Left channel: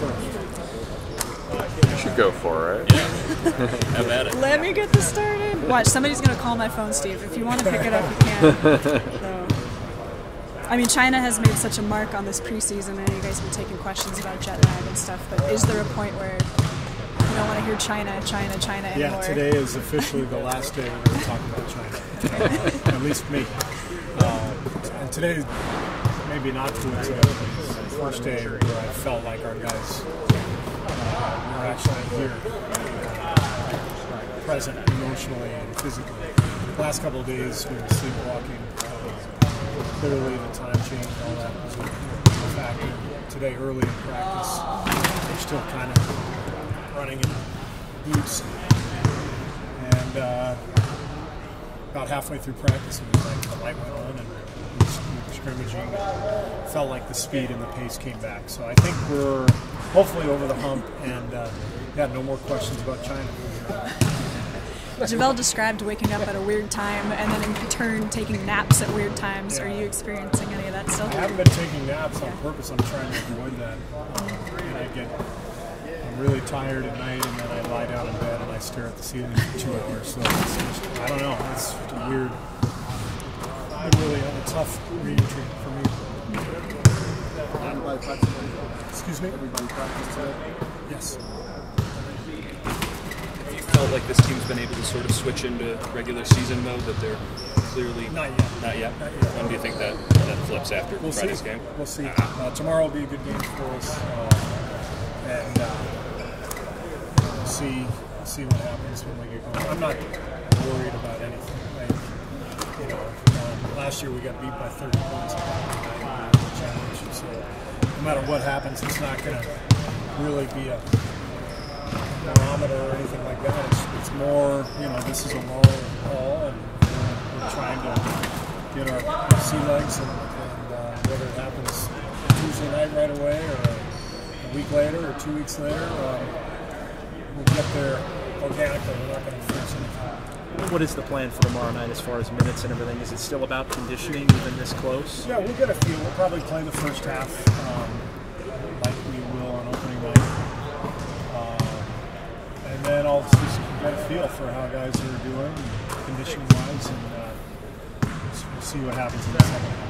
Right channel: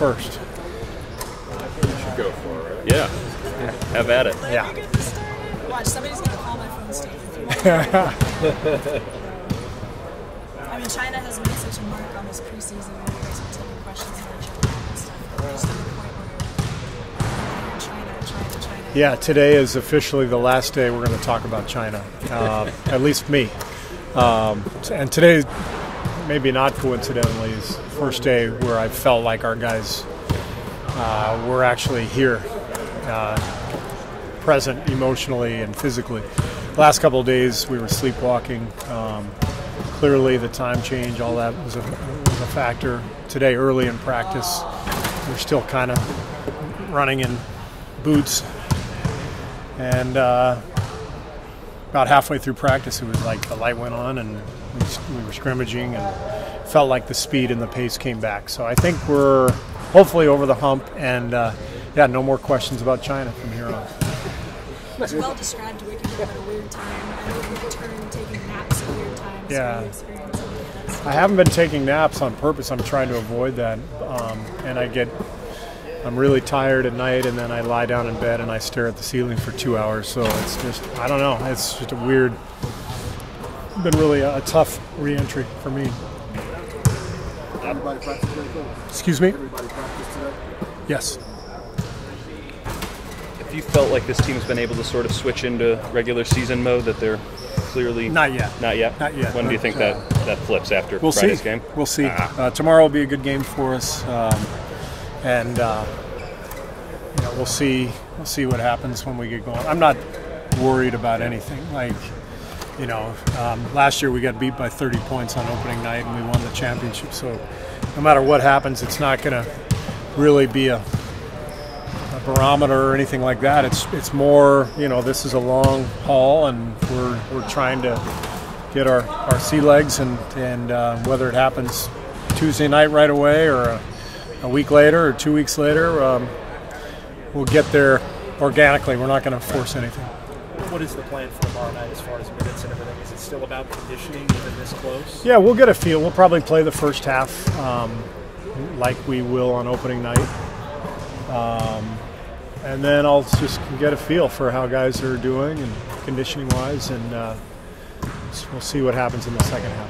first. You should go for it. Yeah. Have at it. Let me get this started. Watch, somebody's going to call my phone, Steve, if you want to pick it up. Yeah. I mean, China has made such a mark on this preseason, and you guys have been taking questions about jet lag and stuff, but is there a point where you don't want to hear China? Yeah, today is officially the last day we're going to talk about China, at least me. And today, maybe not coincidentally, is the first day where I felt like our guys were actually here, present emotionally and physically. The last couple of days we were sleepwalking. Clearly the time change, all that was a factor. Today early in practice, we're still kind of running in boots. And about halfway through practice, it was like the light went on and we were scrimmaging and felt like the speed and the pace came back. So I think we're hopefully over the hump, and no more questions about China from here on. Javel described waking up at a weird time and then in turn taking naps at weird times. Yeah. Are you experiencing any of that still? I haven't been taking naps on purpose. I'm trying to avoid that. And I'm really tired at night, and then I lie down in bed and I stare at the ceiling for 2 hours. So it's just, I don't know. It's just been really a tough re-entry for me. Excuse me? Yes. Have you felt like this team's been able to sort of switch into regular season mode, that they're clearly... Not yet. Not yet? Not yet. When do you think that flips after Friday's game? We'll see. Tomorrow will be a good game for us. We'll see what happens when we get going. I'm not worried about anything. Last year we got beat by 30 points on opening night and we won the championship. So no matter what happens, it's not going to really be a barometer or anything like that. It's more, this is a long haul, and we're trying to get our sea legs, and whether it happens Tuesday night right away or a week later or 2 weeks later, we'll get there organically. We're not going to force anything. What is the plan for tomorrow night as far as minutes and everything? Is it still about conditioning even this close? Yeah, we'll get a feel. We'll probably play the first half like we will on opening night. And then I'll just get a feel for how guys are doing and conditioning-wise, and we'll see what happens in the second half.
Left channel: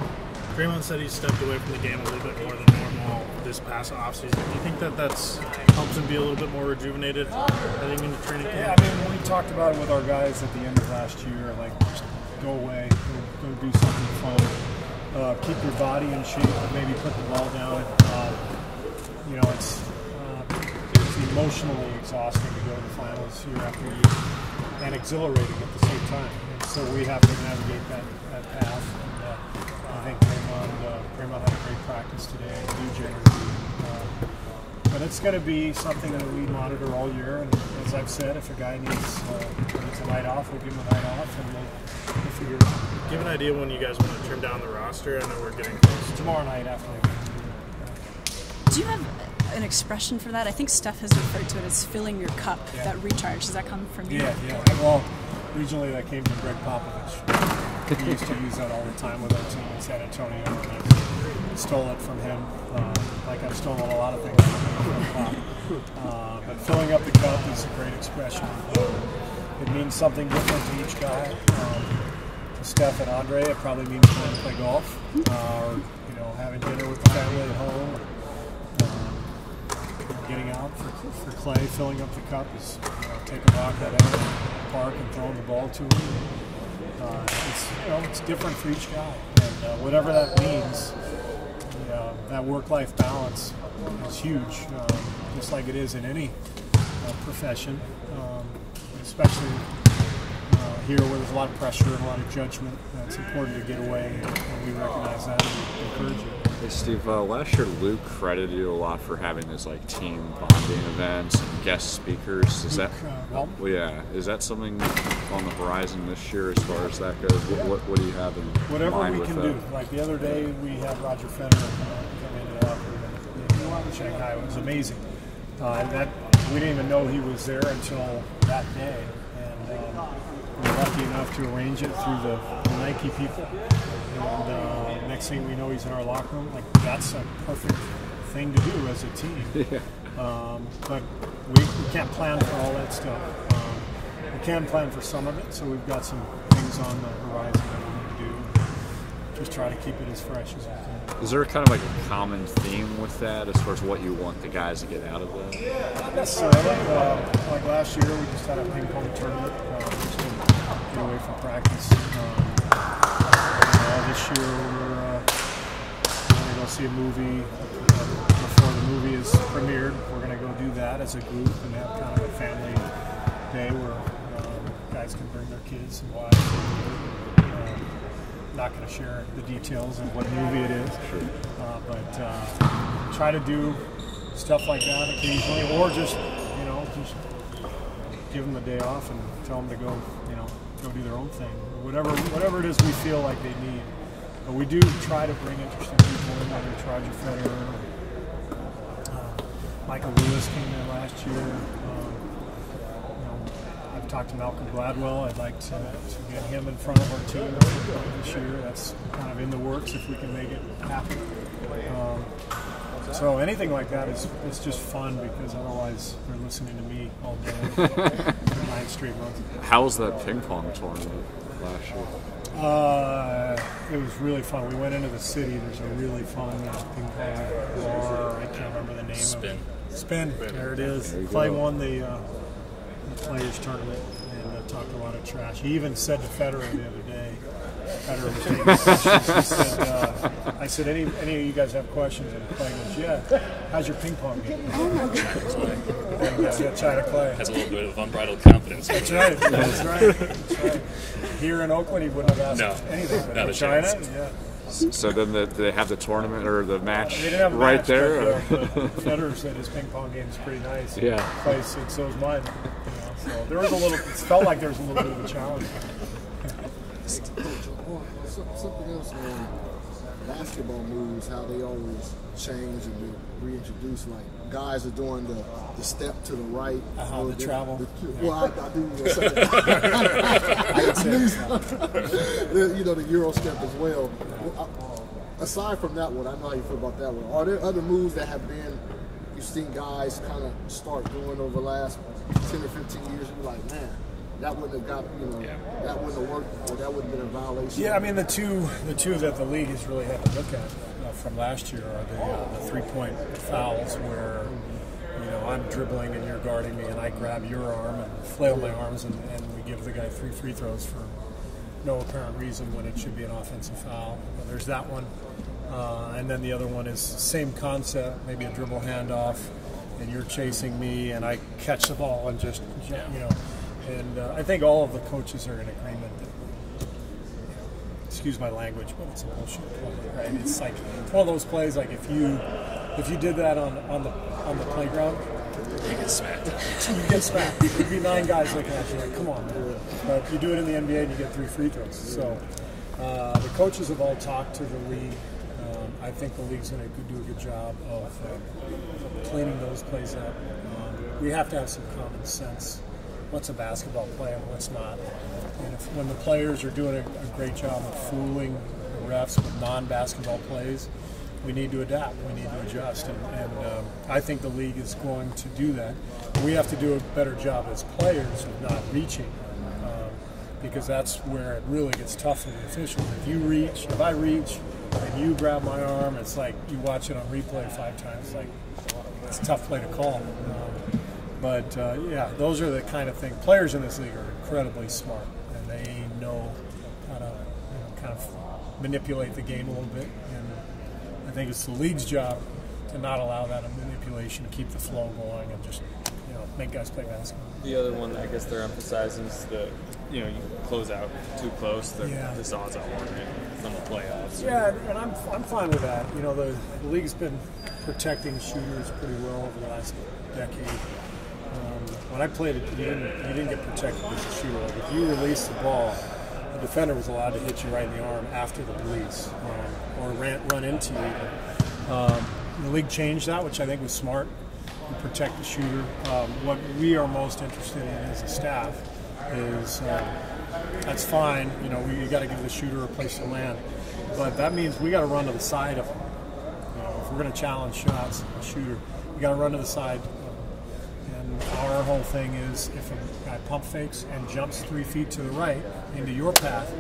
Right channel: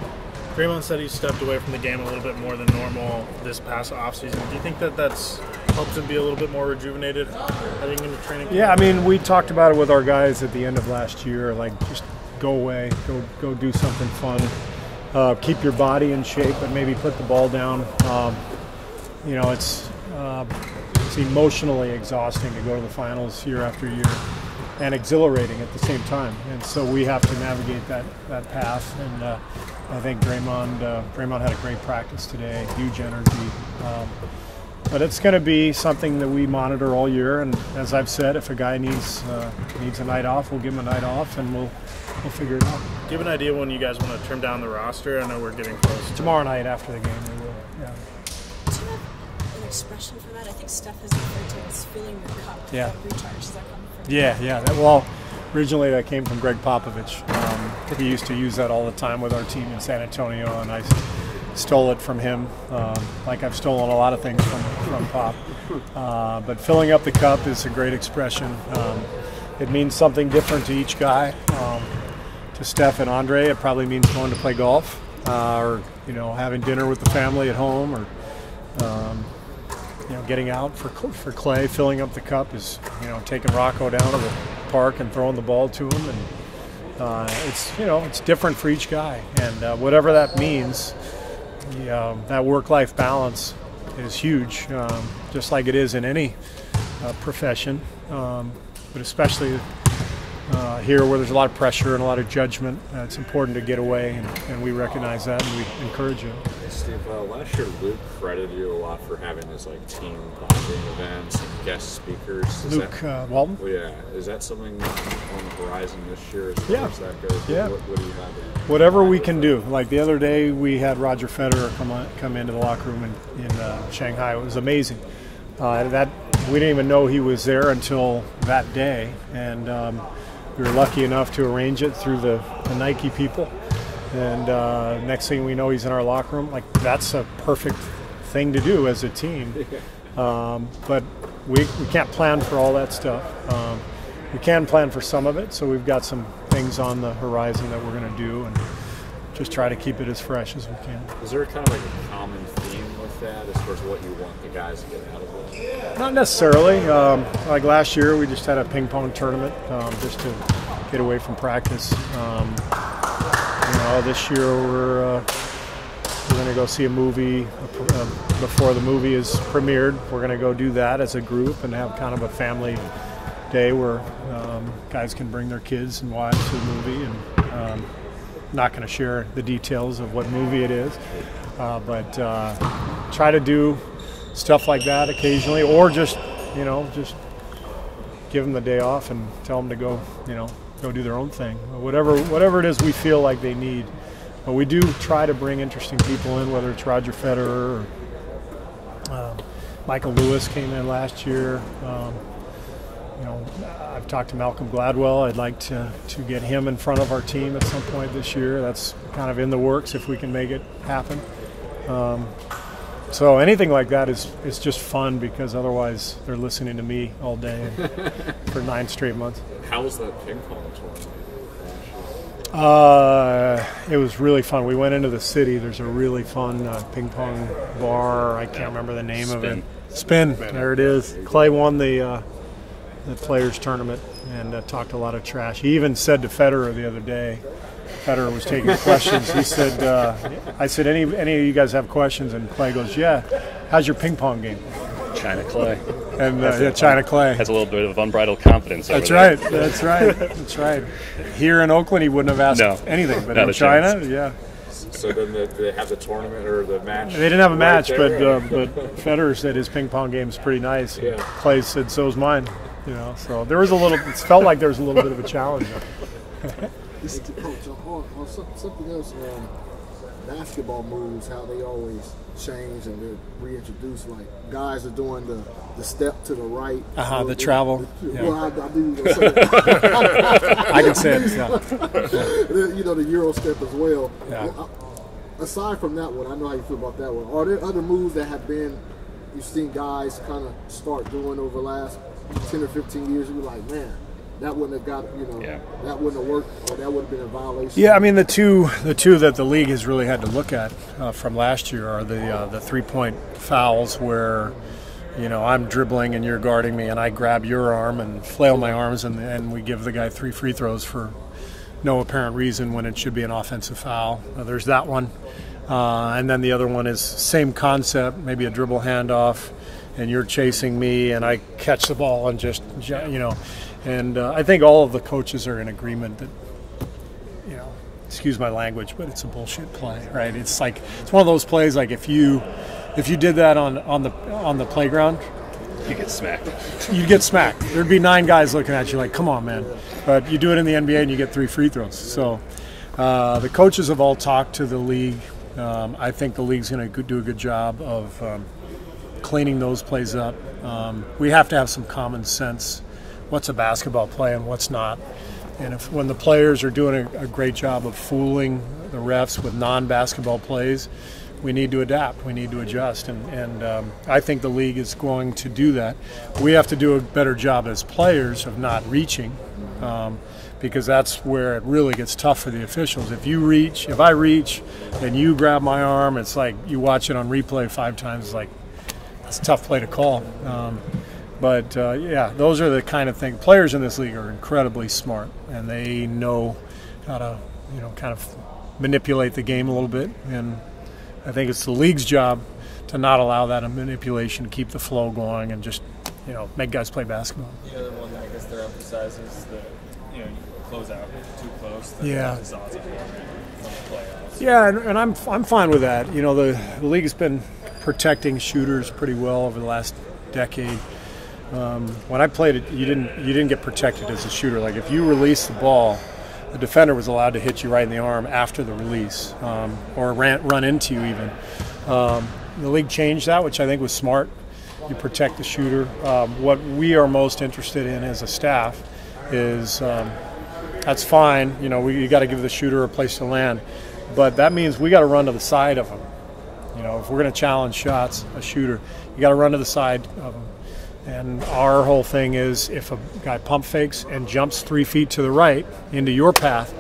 Draymond said he stepped away from the game a little bit more than normal this past offseason. Do you think that's helps him be a little bit more rejuvenated heading into training camp? Yeah, I mean, we talked about it with our guys at the end of last year, like just go away, go do something fun. Keep your body in shape, but maybe put the ball down. It's emotionally exhausting to go to the finals year after year, and exhilarating at the same time. And so we have to navigate that path. And I think Draymond had a great practice today, huge energy. But it's going to be something that we monitor all year. And as I've said, if a guy needs a night off, we'll give him a night off, and we'll figure it out. Do you have an idea when you guys want to trim down the roster? I know we're getting close. Tomorrow night after the game, we will. Yeah. Do you have an expression for that? I think Steph has referred to it as filling your cup, that recharge. Does that come from you? Yeah. Well, originally that came from Gregg Popovich. He used to use that all the time with our team in San Antonio, and I stole it from him, like I've stolen a lot of things from Pop. But filling up the cup is a great expression. It means something different to each guy. To Steph and Andre, it probably means going to play golf, or having dinner with the family at home, or getting out. For Klay, filling up the cup is taking Rocco down to the park and throwing the ball to him. And it's different for each guy, and whatever that means. That work-life balance is huge, just like it is in any profession, but especially here where there's a lot of pressure and a lot of judgment. It's important to get away, and we recognize that, and we encourage you. Hey Steve, last year Luke credited you a lot for having this team bonding events and guest speakers. Walton? Well, yeah. Is that something on the horizon this year as far as that goes? Yeah. What do you have in Whatever mind we with can that? do. Like the other day, we had Roger Federer come into the locker room in Shanghai. It was amazing. We didn't even know he was there until that day, and we were lucky enough to arrange it through the Nike people. And next thing we know, he's in our locker room. Like, that's a perfect thing to do as a team. But we can't plan for all that stuff. We can plan for some of it, so we've got some things on the horizon that we're going to do, and just try to keep it as fresh as we can. Is there kind of like a common theme with that as far as what you want the guys to get out of that? Not necessarily. Like last year, we just had a ping-pong tournament just to get away from practice. This year we're going to go see a movie before the movie is premiered. We're going to go do that as a group and have kind of a family day where guys can bring their kids and wives to the movie. And not going to share the details of what movie it is, but try to do stuff like that occasionally, or just give them the day off and tell them to go do their own thing, whatever it is we feel like they need. But we do try to bring interesting people in, whether it's Roger Federer or Michael Lewis came in last year. I've talked to Malcolm Gladwell. I'd like to get him in front of our team at some point this year. That's kind of in the works if we can make it happen. So anything like that is just fun, because otherwise they're listening to me all day for 9 straight months. How was that ping pong tournament last year? It was really fun. We went into the city. There's a really fun ping pong bar. I can't remember the name of it. Spin. There it is. Klay won the players tournament and talked a lot of trash. He even said to Federer the other day, Federer was taking questions. He said, I said, any of you guys have questions? And Klay goes, yeah. How's your ping pong game? China Klay. And China Klay Has a little bit of unbridled confidence. That's right. That's right. That's right. Here in Oakland, he wouldn't have asked anything, but in China, yeah. So then they have the tournament or the match? They didn't have a match, there, but Federer said his ping pong game is pretty nice. Yeah. Klay said so's mine. So there was it felt like there was a little bit of a challenge. Something else basketball moves, how they always change and they reintroduce. Like guys are doing the step to the right. The travel. Yeah. Well, I do. I can say it. Yeah. The Euro step as well. Yeah. Aside from that one, I know how you feel about that one. Are there other moves that you've seen guys kind of start doing over the last 10 or 15 years? And you're like, man, that wouldn't have got, that wouldn't have worked, or that wouldn't have been a violation. Yeah, I mean, the two that the league has really had to look at from last year are the 3-point fouls where, I'm dribbling and you're guarding me, and I grab your arm and flail my arms, and we give the guy 3 free throws for no apparent reason when it should be an offensive foul. There's that one. And then the other one is same concept, maybe a dribble handoff, and you're chasing me, and I catch the ball and just, And I think all of the coaches are in agreement that, excuse my language, but it's a bullshit play, right? It's like it's one of those plays like if you did that on the playground, you get smacked. You'd get smacked. There'd be 9 guys looking at you like, come on, man. But you do it in the NBA and you get 3 free throws. So the coaches have all talked to the league. I think the league's going to do a good job of cleaning those plays up. We have to have some common sense. What's a basketball play and what's not? And when the players are doing a great job of fooling the refs with non-basketball plays, we need to adapt. We need to adjust. And I think the league is going to do that. We have to do a better job as players of not reaching, because that's where it really gets tough for the officials. If I reach and you grab my arm, it's like you watch it on replay 5 times, it's like, it's a tough play to call. But those are the kind of things. Players in this league are incredibly smart, and they know how to, kind of manipulate the game a little bit. And I think it's the league's job to not allow that manipulation, to keep the flow going, and just, make guys play basketball. The other one I guess they're emphasizing is the, close out too close. Yeah. Yeah, and I'm fine with that. The league has been protecting shooters pretty well over the last decade. When I played it, you didn't get protected as a shooter. Like if you released the ball, the defender was allowed to hit you right in the arm after the release, or run into you even. The league changed that, which I think was smart. You protect the shooter. What we are most interested in as a staff is that's fine. You got to give the shooter a place to land, but that means we got to run to the side of them. You know, if we're going to challenge shots, a shooter, you got to run to the side of him. And our whole thing is if a guy pump fakes and jumps 3 feet to the right into your path,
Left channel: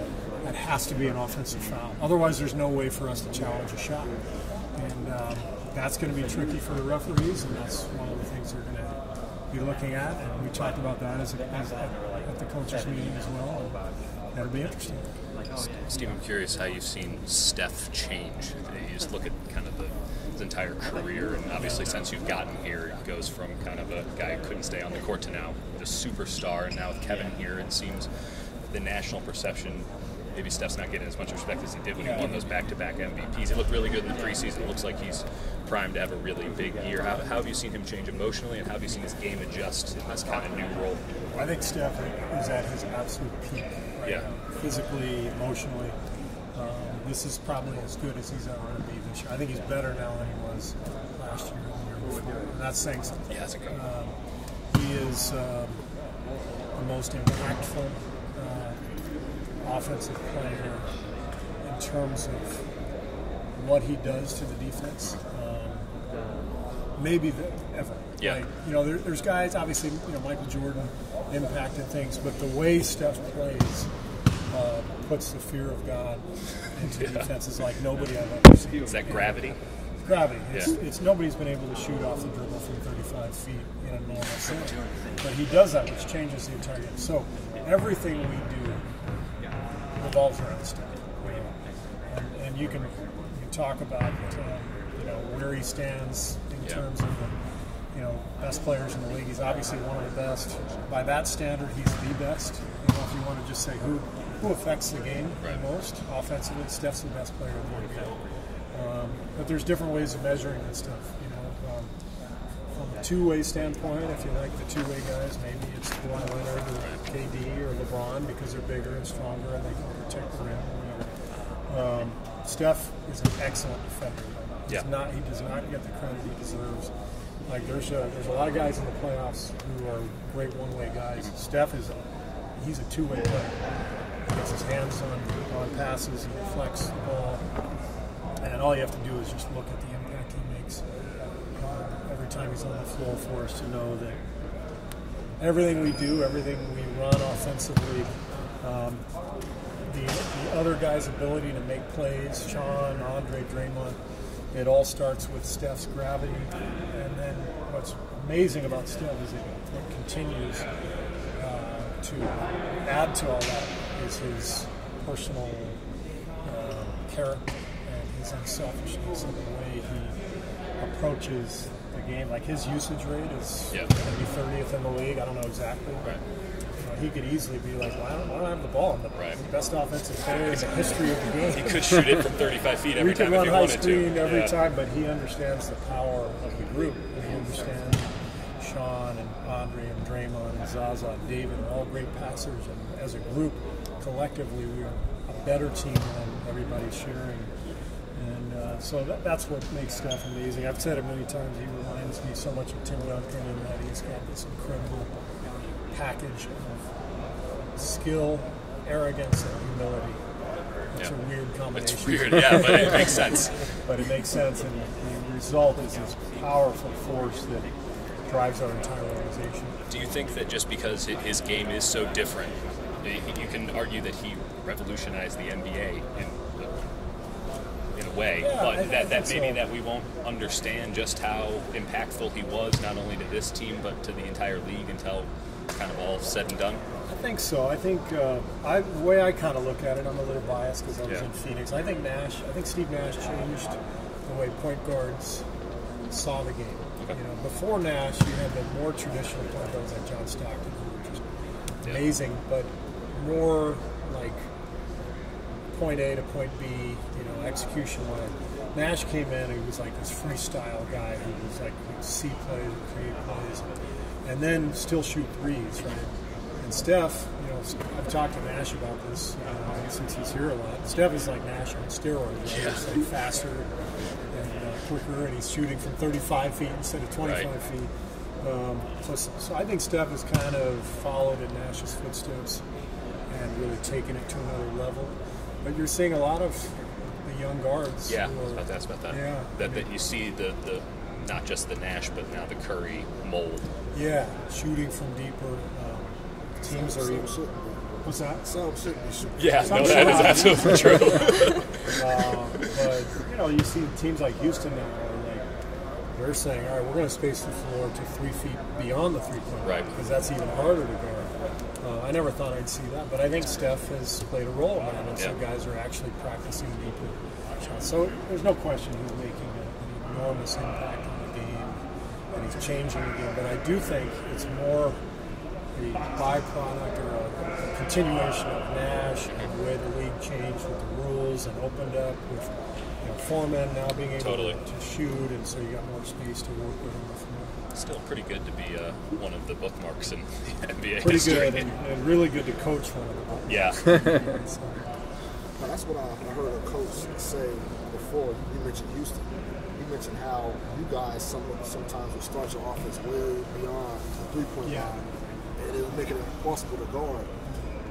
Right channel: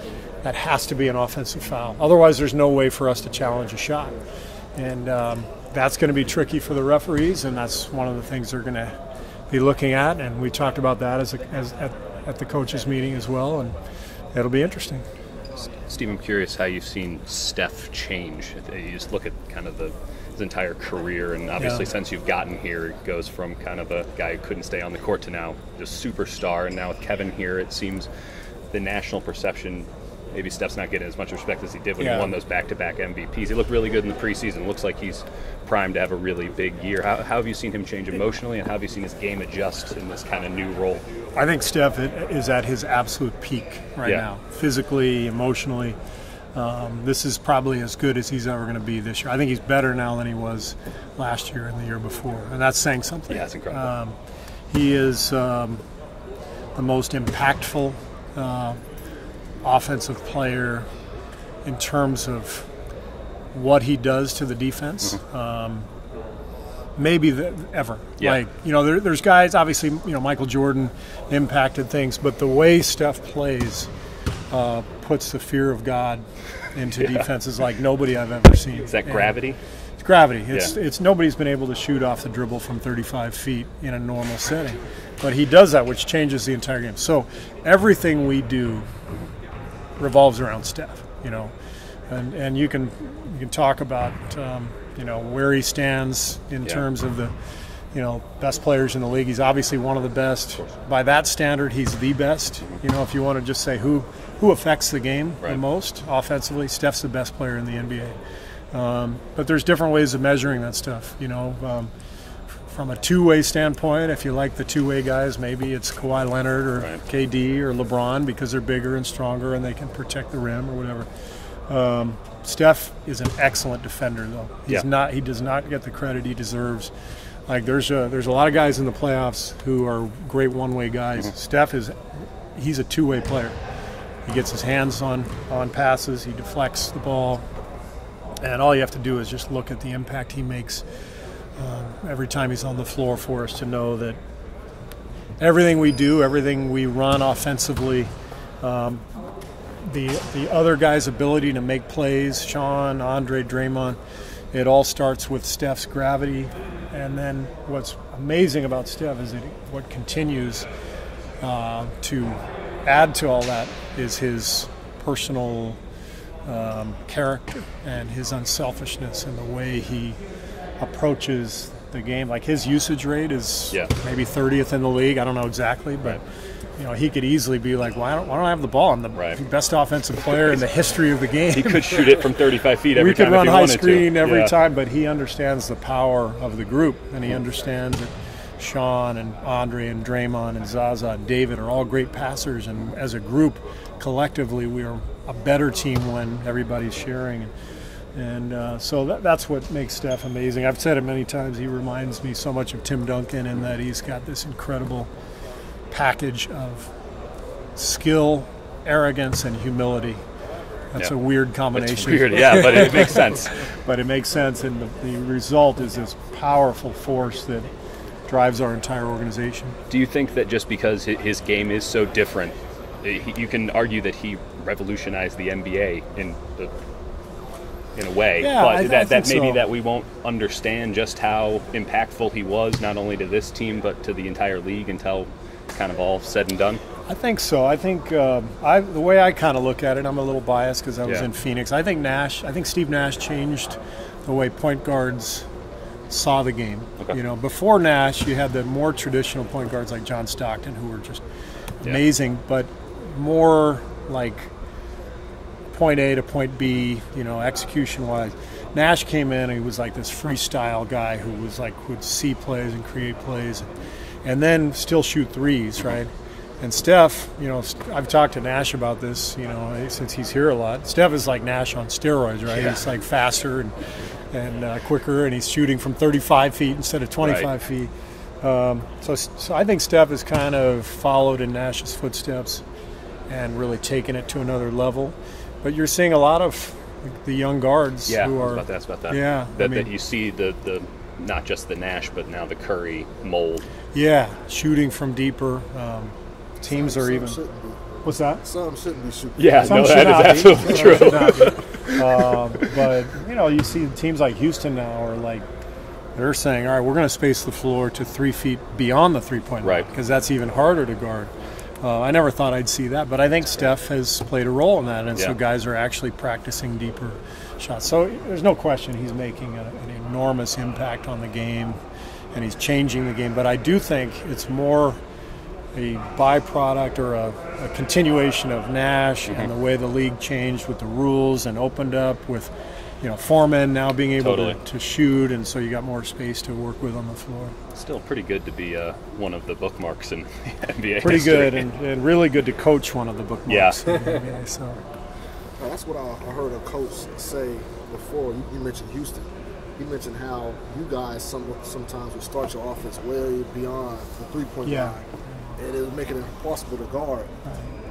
that has to be an offensive foul. Otherwise, there's no way for us to challenge a shot. And that's going to be tricky for the referees, and that's one of the things they're going to be looking at. And we talked about that at the coaches' meeting as well, and it'll be interesting. Steve, I'm curious how you've seen Steph change. You just look at kind of his entire career, and obviously since you've gotten here, it goes from kind of a guy who couldn't stay on the court to now the superstar. And now with Kevin here, it seems the national perception, maybe Steph's not getting as much respect as he did when he won those back-to-back MVPs. He looked really good in the preseason. Looks like he's primed to have a really big year. How have you seen him change emotionally, and how have you seen his game adjust in this kind of new role? I think Steph is at his absolute peak right now, physically, emotionally. This is probably as good as he's ever going to be this year. I think he's better now than he was last year and the year before, and that's saying something. Yeah, that's incredible. He is the most impactful offensive player in terms of what he does to the defense. Maybe ever. Yeah. Like, you know, there's guys, obviously, you know, Michael Jordan impacted things, but the way Steph plays puts the fear of God into defenses like nobody I've ever seen. Is that gravity? It's gravity. It's nobody's been able to shoot off the dribble from 35 feet in a normal setting. But he does that, which changes the entire game. So everything we do revolves around Steph, you know. And you can talk about you know, where he stands in terms of the, you know, best players in the league. He's obviously one of the best. By that standard, he's the best. You know, if you want to just say who affects the game the most offensively, Steph's the best player in the NBA. But there's different ways of measuring that stuff. You know, from a two-way standpoint, if you like the two-way guys, maybe it's Kawhi Leonard or KD or LeBron because they're bigger and stronger and they can protect the rim or whatever. Steph is an excellent defender, though. He does not get the credit he deserves. Like there's a lot of guys in the playoffs who are great one-way guys. Steph he's a two-way player. He gets his hands on passes, he deflects the ball, and all you have to do is just look at the impact he makes every time he's on the floor for us to know that everything we do, everything we run offensively, the other guy's ability to make plays, Sean, Andre, Draymond, it all starts with Steph's gravity. And then what's amazing about Steph is that what continues to add to all that is his personal character and his unselfishness and the way he approaches the game. Like his usage rate is maybe 30th in the league. I don't know exactly, but you know, he could easily be like, why don't I have the ball? I'm the best offensive player in the history of the game. He could shoot it from 35 feet every time. We could run high screen every time, but he understands the power of the group, and he understands that Sean and Andre and Draymond and Zaza and David are all great passers, and as a group, collectively, we are a better team when everybody's sharing. And so that's what makes Steph amazing. I've said it many times. He reminds me so much of Tim Duncan in that he's got this incredible package of skill, arrogance, and humility. That's a weird combination. It's weird, yeah, but it makes sense. But it makes sense, and the result is this powerful force that drives our entire organization. Do you think that just because his game is so different, you can argue that he revolutionized the NBA in a way, but that maybe so. That we won't understand just how impactful he was, not only to this team, but to the entire league until kind of all said and done? I think so. I think the way I kind of look at it, I'm a little biased because I was in Phoenix. I think Steve Nash changed the way point guards saw the game. Okay. You know, before Nash, you had the more traditional point guards like John Stockton, who were just amazing, but more like point A to point B, you know, execution-wise. Nash came in, and he was like this freestyle guy who was like would see plays and create plays, and then still shoot threes, right? And Steph, you know, I've talked to Nash about this, you know, since he's here a lot. Steph is like Nash on steroids, right? He's like faster and quicker, and he's shooting from 35 feet instead of 25 feet. So I think Steph has kind of followed in Nash's footsteps and really taken it to another level. But you're seeing a lot of the young guards Yeah, who I are. was about to ask about that. Yeah, That you see the not just the Nash, but now the Curry mold. Yeah, shooting from deeper. Teams are even. Shouldn't be. What's that? Some shouldn't be shooting. Yeah, Some no, should that not is be. absolutely Some true. should not be. But you see teams like Houston now are like they're saying, all right, we're going to space the floor to 3 feet beyond the 3-point line Right. because that's even harder to guard. I never thought I'd see that, but I think Steph has played a role in that, and so Yeah. guys are actually practicing deeper shots. So there's no question he's making an enormous impact on the game, and he's changing the game. But I do think it's more a byproduct or a continuation of Nash and the way the league changed with the rules and opened up with, foremen now being able Totally. to shoot, and so you got more space to work with on the floor. Still pretty good to be one of the bookmarks in NBA Pretty history. good and really good to coach one of the bookmarks. Yeah. Yeah, so. Now, that's what I heard a coach say before. You mentioned Houston. He mentioned how you guys sometimes would start your offense way beyond a 3-point Yeah. line, and it would make it impossible to guard.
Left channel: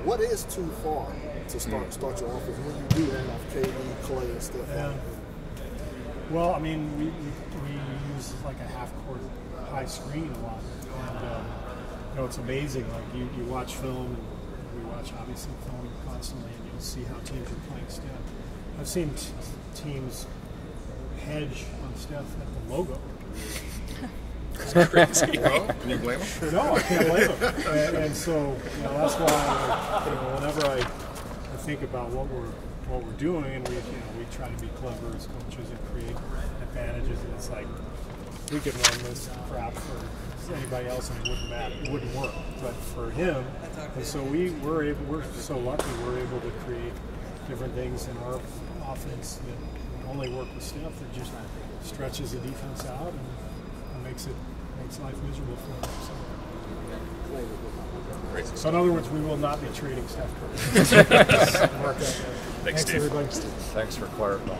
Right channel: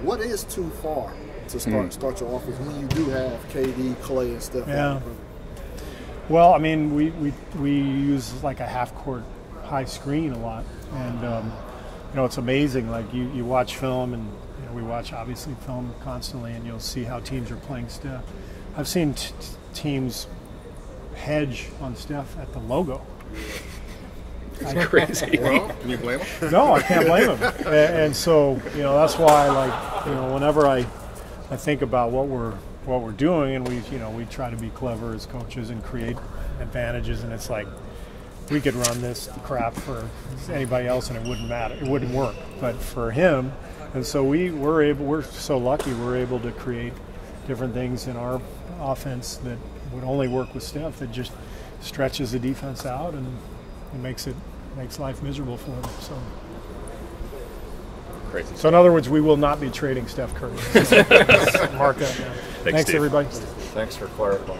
What is too far to start your offense when you do have KD, Klay, and Steph? Yeah. Well, I mean, we use like a half-court high screen a lot, and it's amazing. Like you watch film, and we watch obviously film constantly, and you'll see how teams are playing Steph. I've seen teams hedge on Steph at the logo. Crazy. Well, can you blame him? No, I can't blame him. And so, that's why, whenever I think about what we're doing, and we try to be clever as coaches and create advantages, and it's like we could run this crap for anybody else and it wouldn't matter, it wouldn't work, but for him, and so we're so lucky we're able to create different things in our offense that would only work with Steph, that just stretches the defense out and makes life miserable for them. So in other words, we will not be trading Steph Curry. Mark that down. Thanks Steve. everybody. Thanks for clarifying.